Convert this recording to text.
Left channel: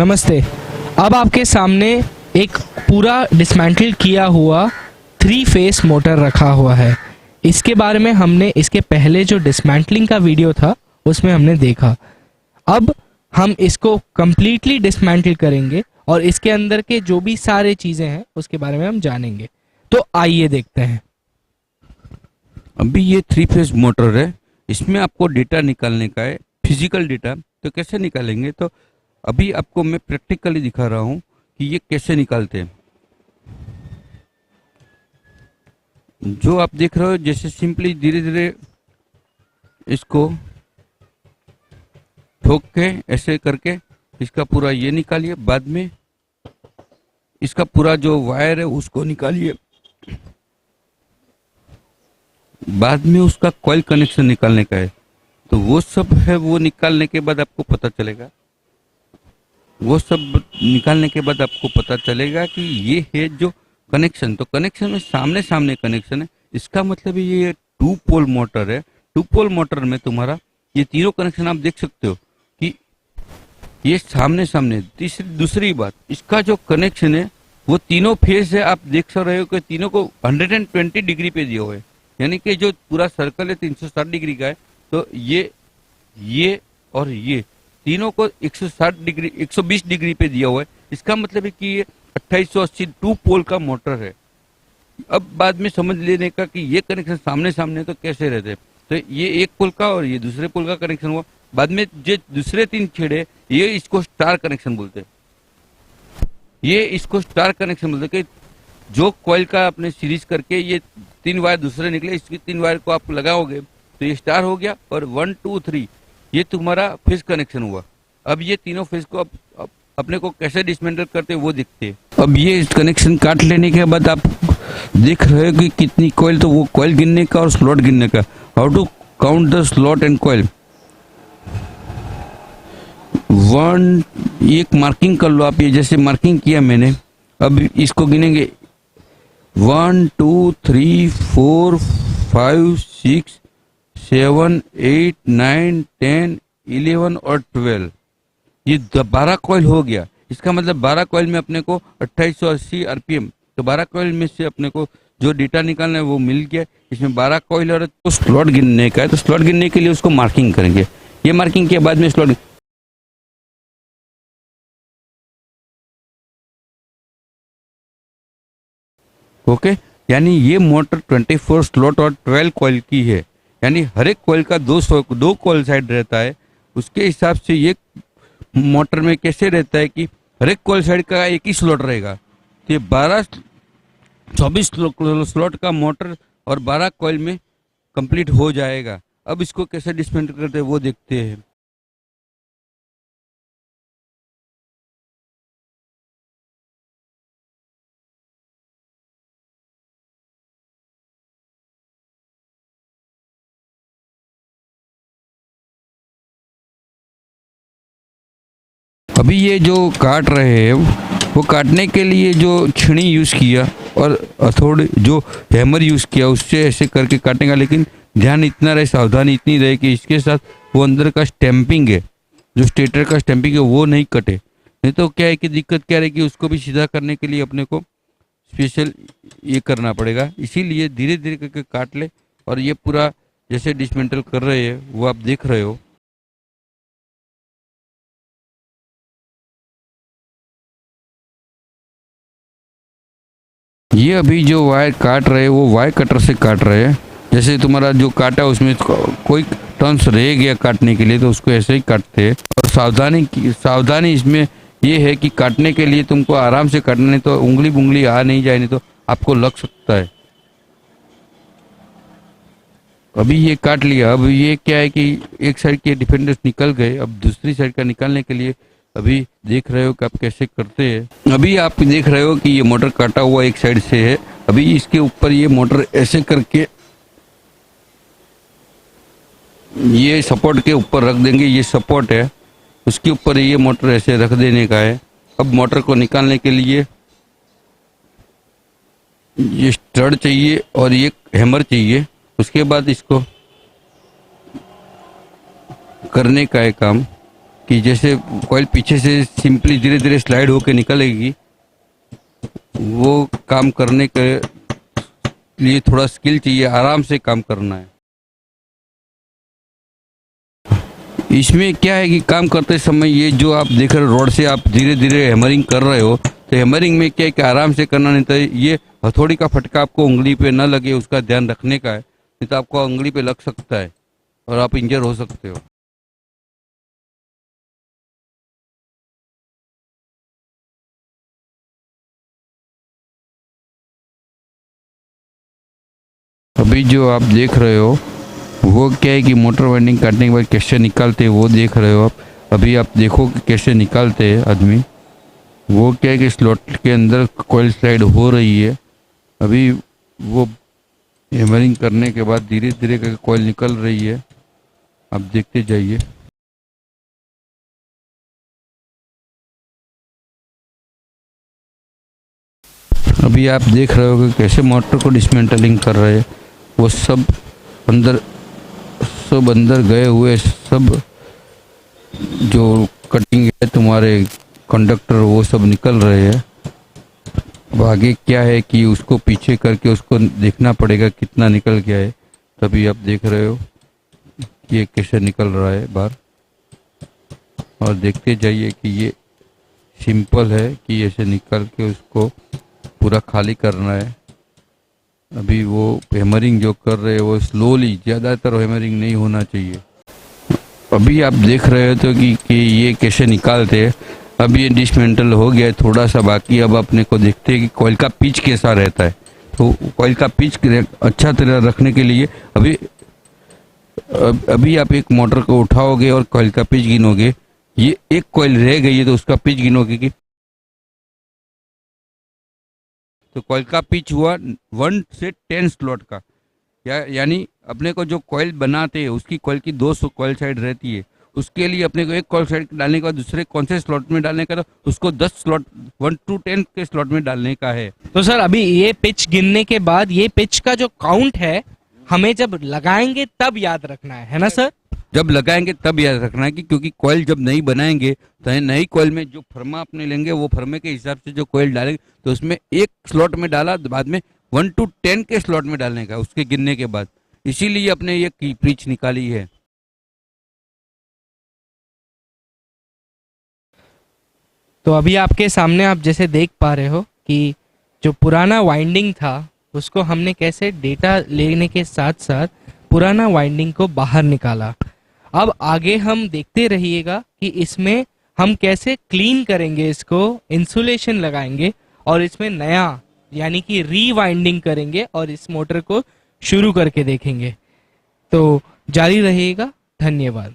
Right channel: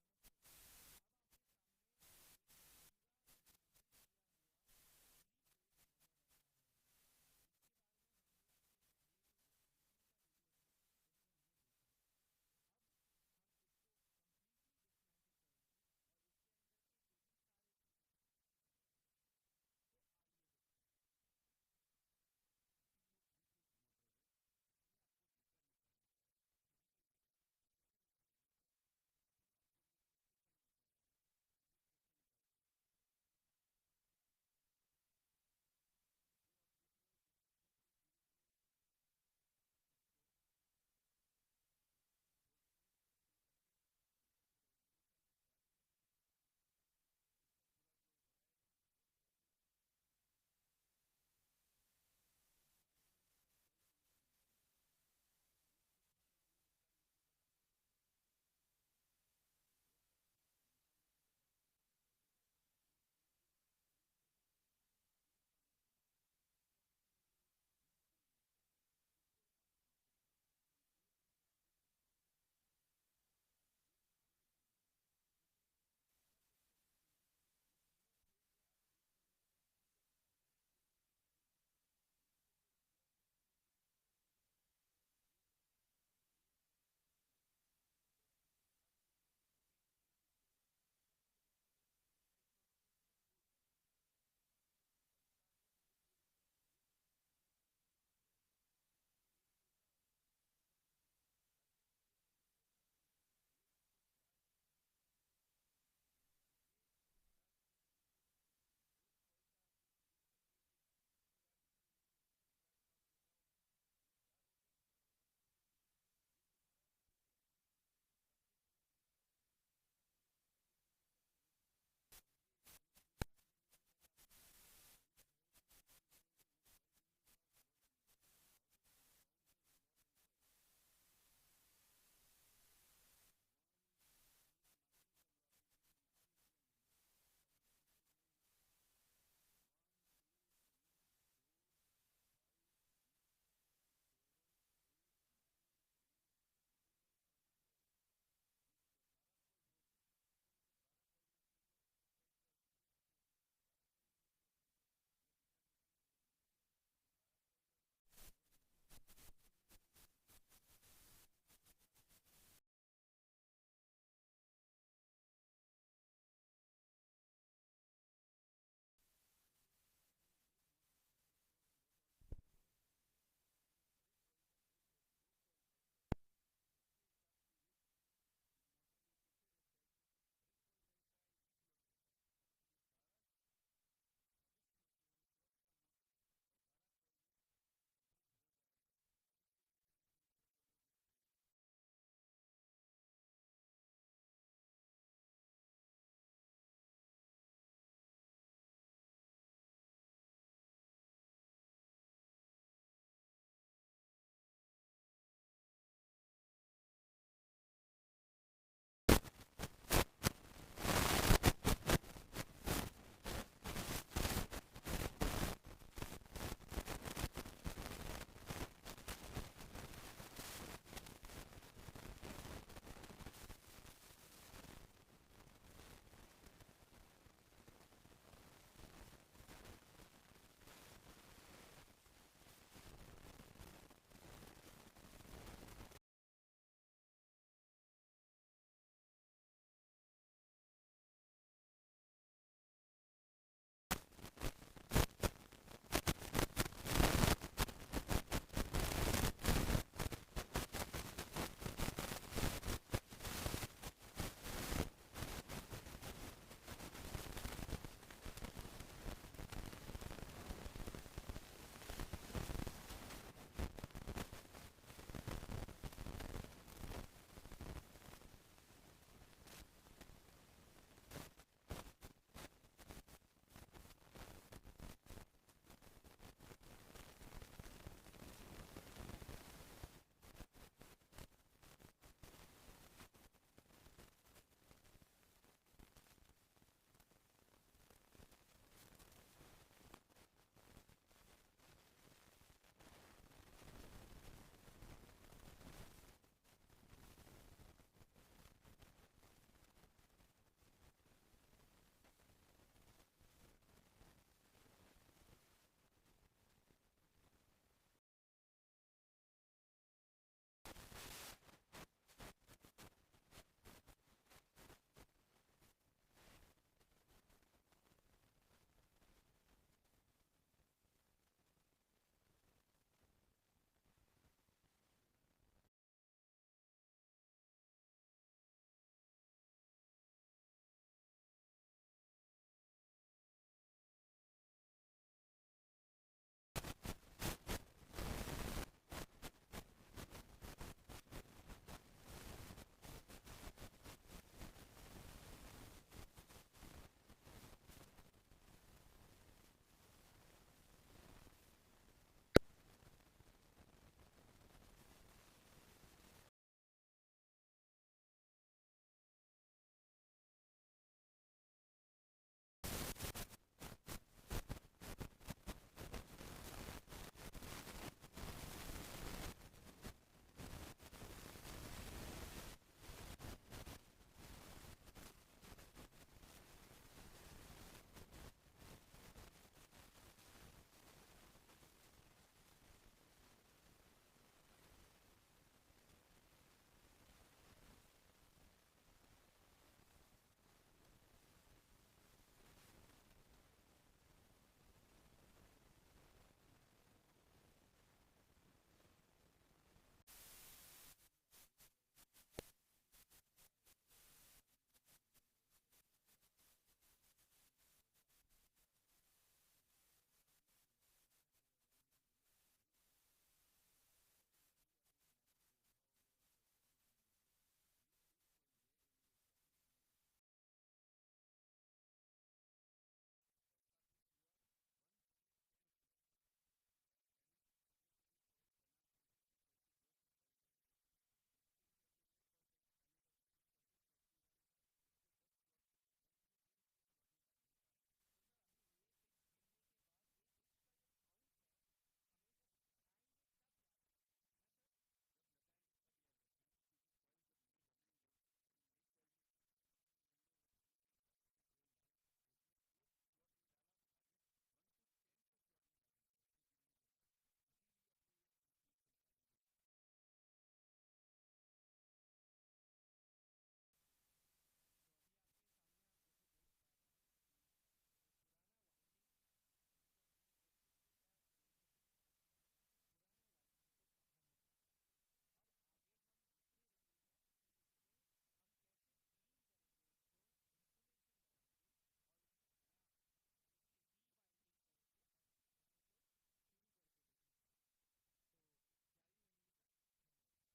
नमस्ते। अब आपके सामने एक पूरा डिसमेंटल किया हुआ 3 फेस मोटर रखा हुआ है। इसके बारे में हमने इसके पहले जो डिसमेंटलिंग का वीडियो था उसमें हमने देखा। अब हम इसको कम्प्लीटली डिसमेंटल करेंगे और इसके अंदर के जो भी सारे चीज़ें हैं उसके बारे में हम जानेंगे। तो आइए देखते हैं। अभी ये 3 फेज मोटर है, इसमें आपको डेटा निकालने का है, फिजिकल डेटा। तो कैसे निकालेंगे, तो अभी आपको मैं प्रैक्टिकली दिखा रहा हूँ कि ये कैसे निकालते हैं। जो आप देख रहे हो, जैसे सिंपली धीरे धीरे इसको ठोक के ऐसे करके इसका पूरा ये निकालिए। बाद में इसका पूरा जो वायर है उसको निकालिए। बाद में उसका कॉइल कनेक्शन निकालने का है। तो वो सब है, वो निकालने के बाद आपको पता चलेगा कि ये है जो कनेक्शन। तो कनेक्शन में सामने सामने कनेक्शन है। इसका मतलब ये 2 पोल मोटर है। 2 पोल मोटर में तुम्हारा ये तीनों कनेक्शन आप देख सकते हो कि ये सामने सामने। दूसरी बात, इसका जो कनेक्शन है वो तीनों फेज है। आप देख रहे हो कि तीनों को 120 डिग्री पे दिया हुआ है, यानी कि जो पूरा सर्कल है 360 डिग्री का है। तो ये और ये तीनों को 120 डिग्री पे दिया हुआ है। इसका मतलब है कि ये 2880 2 पोल का मोटर है। अब बाद में समझ लेने का कि ये कनेक्शन सामने सामने तो कैसे रहते हैं। तो ये 1 पोल का और ये दूसरे पोल का कनेक्शन हुआ। बाद में जो दूसरे 3 छेड़े, ये इसको स्टार कनेक्शन बोलते हैं। कि जो कॉइल का आपने सीरीज करके ये 3 वायर दूसरे निकले, इसकी 3 वायर को आप लगाओगे तो ये स्टार हो गया। और 1 2 3 ये तुम्हारा फेज कनेक्शन हुआ। अब ये तीनों फेज को अब अपने को कैसे डिसमेंटल करते हैं वो दिखते हैं। अब ये कनेक्शन काट लेने के बाद आप देख रहे हो कि कितनी कॉइल, तो वो कॉइल गिनने का और स्लॉट गिनने का। How to count the slot and coil. एक मार्किंग कर लो आप, ये जैसे मार्किंग किया मैंने। अब इसको गिनेंगे 1 2 3 4 5 6 7 8 9 10 11 और 12। ये 12 कॉइल हो गया। इसका मतलब 12 कॉइल में अपने को 2880 आरपीएम। तो 12 कॉइल में से अपने को जो डेटा निकालना है वो मिल गया। इसमें 12 कॉइल और तो स्लॉट गिनने का है। तो स्लॉट गिनने के लिए उसको मार्किंग करेंगे। ये मार्किंग के बाद में स्लॉट ओके। यानी ये मोटर 24 स्लॉट और 12 कॉइल की है। यानी हर एक कॉइल का 2 कॉइल साइड रहता है। उसके हिसाब से ये मोटर में कैसे रहता है कि हर एक कॉइल साइड का एक ही स्लॉट रहेगा। तो ये 24 स्लॉट का मोटर और 12 कॉइल में कंप्लीट हो जाएगा। अब इसको कैसे डिसमेंटल करते हैं वो देखते हैं। अभी ये जो काट रहे हैं वो काटने के लिए जो छीनी यूज़ किया और हथौड़े जो हैमर यूज़ किया उससे ऐसे करके काटेगा। लेकिन ध्यान इतना रहे, सावधानी इतनी रहे कि इसके साथ वो अंदर का स्टैंपिंग है, जो स्टेटर का स्टैंपिंग है वो नहीं कटे। नहीं तो क्या है कि दिक्कत क्या रहेगी, उसको भी सीधा करने के लिए अपने को स्पेशल ये करना पड़ेगा। इसीलिए धीरे धीरे करके काट ले। और ये पूरा जैसे डिसमेंटल कर रहे हैं वो आप देख रहे हो। ये अभी जो वायर काट रहे हैं वो वायर कटर से काट रहे हैं। जैसे तुम्हारा जो काटा उसमें कोई टर्न्स रह गया काटने के लिए तो उसको ऐसे ही काटते हैं। और सावधानी इसमें ये है कि काटने के लिए तुमको आराम से काटना, नहीं तो उंगली आ नहीं जाए, नहीं तो आपको लग सकता है। अभी ये काट लिया। अब ये क्या है कि एक साइड के डिफेंडर्स निकल गए। अब दूसरी साइड का निकालने के लिए अभी देख रहे हो कि आप कैसे करते हैं। अभी आप देख रहे हो कि ये मोटर काटा हुआ एक साइड से है। अभी इसके ऊपर ये मोटर ऐसे करके ये सपोर्ट के ऊपर रख देंगे। ये सपोर्ट है, उसके ऊपर ये मोटर ऐसे रख देने का है। अब मोटर को निकालने के लिए ये स्टड चाहिए और ये हैमर चाहिए। उसके बाद इसको करने का है काम कि जैसे कॉइल पीछे से सिंपली धीरे धीरे स्लाइड होके निकलेगी, वो काम करने के लिए थोड़ा स्किल चाहिए, आराम से काम करना है। इसमें क्या है कि काम करते समय ये जो आप देख रहे हो रॉड से आप धीरे धीरे हैमरिंग कर रहे हो, तो हैमरिंग में क्या है कि आराम से करना, नहीं तो ये हथौड़ी का फटका आपको उंगली पे न लगे उसका ध्यान रखने का है, नहीं तो आपको उंगली पे लग सकता है और आप इंजर हो सकते हो। अभी जो आप देख रहे हो वो क्या है कि मोटर वाइंडिंग काटने के बाद कैसे निकालते हैं वो देख रहे हो आप। अभी आप देखो कि कैसे निकालते हैं आदमी। वो क्या है कि स्लॉट के अंदर कॉइल स्लाइड हो रही है। अभी वो हैमरिंग करने के बाद धीरे धीरे करके कॉइल निकल रही है, आप देखते जाइए। अभी आप देख रहे हो कि कैसे मोटर को डिसमेंटलिंग कर रहे हैं। वो सब अंदर गए हुए सब जो कटिंग है तुम्हारे कंडक्टर वो सब निकल रहे हैं। अब आगे क्या है कि उसको पीछे करके उसको देखना पड़ेगा कितना निकल गया है। तभी आप देख रहे हो कि ये कैसे निकल रहा है बाहर, और देखते जाइए कि ये सिंपल है कि ऐसे निकल के उसको पूरा खाली करना है। अभी वो हैमरिंग जो कर रहे हैं वो स्लोली, ज़्यादातर हैमरिंग नहीं होना चाहिए। अभी आप देख रहे हो तो कि ये कैसे निकालते हैं। अब ये डिसमेंटल हो गया है, थोड़ा सा बाकी। अब अपने को देखते हैं कि कॉइल का पिच कैसा रहता है। तो कॉइल का पिच अच्छा तरह रखने के लिए अभी आप एक मोटर को उठाओगे और कॉइल का पिच गिनोगे। ये एक कॉइल रह गई है तो उसका पिच गिनोगे कि तो कॉइल का पिच हुआ 1 से 10 स्लॉट का। यानी अपने को जो कॉइल बनाते हैं उसकी कॉइल की 200 कॉइल साइड रहती है। उसके लिए अपने को एक कॉइल साइड डालने के बाद दूसरे कौन से स्लॉट में डालने का, तो उसको 10 स्लॉट 1 to 10 के स्लॉट में डालने का है। तो सर अभी ये पिच गिनने के बाद ये पिच का जो काउंट है हमें जब लगाएंगे तब याद रखना है ना सर? जब लगाएंगे तब याद रखना है कि क्योंकि कॉइल जब नहीं बनाएंगे तो नई कॉइल में जो फर्मा अपने लेंगे वो फर्मे के हिसाब से जो कॉइल डालेंगे तो उसमें एक स्लॉट में डाला, बाद में 1 to 10 के स्लॉट में डालने का उसके गिनने के बाद। इसीलिए अपने ये पिच निकाली है। तो अभी आपके सामने आप जैसे देख पा रहे हो कि जो पुराना वाइंडिंग था उसको हमने कैसे डेटा लेने के साथ साथ पुराना वाइंडिंग को बाहर निकाला। अब आगे हम देखते रहिएगा कि इसमें हम कैसे क्लीन करेंगे, इसको इंसुलेशन लगाएंगे और इसमें नया यानी कि रीवाइंडिंग करेंगे और इस मोटर को शुरू करके देखेंगे। तो जारी रहिएगा। धन्यवाद।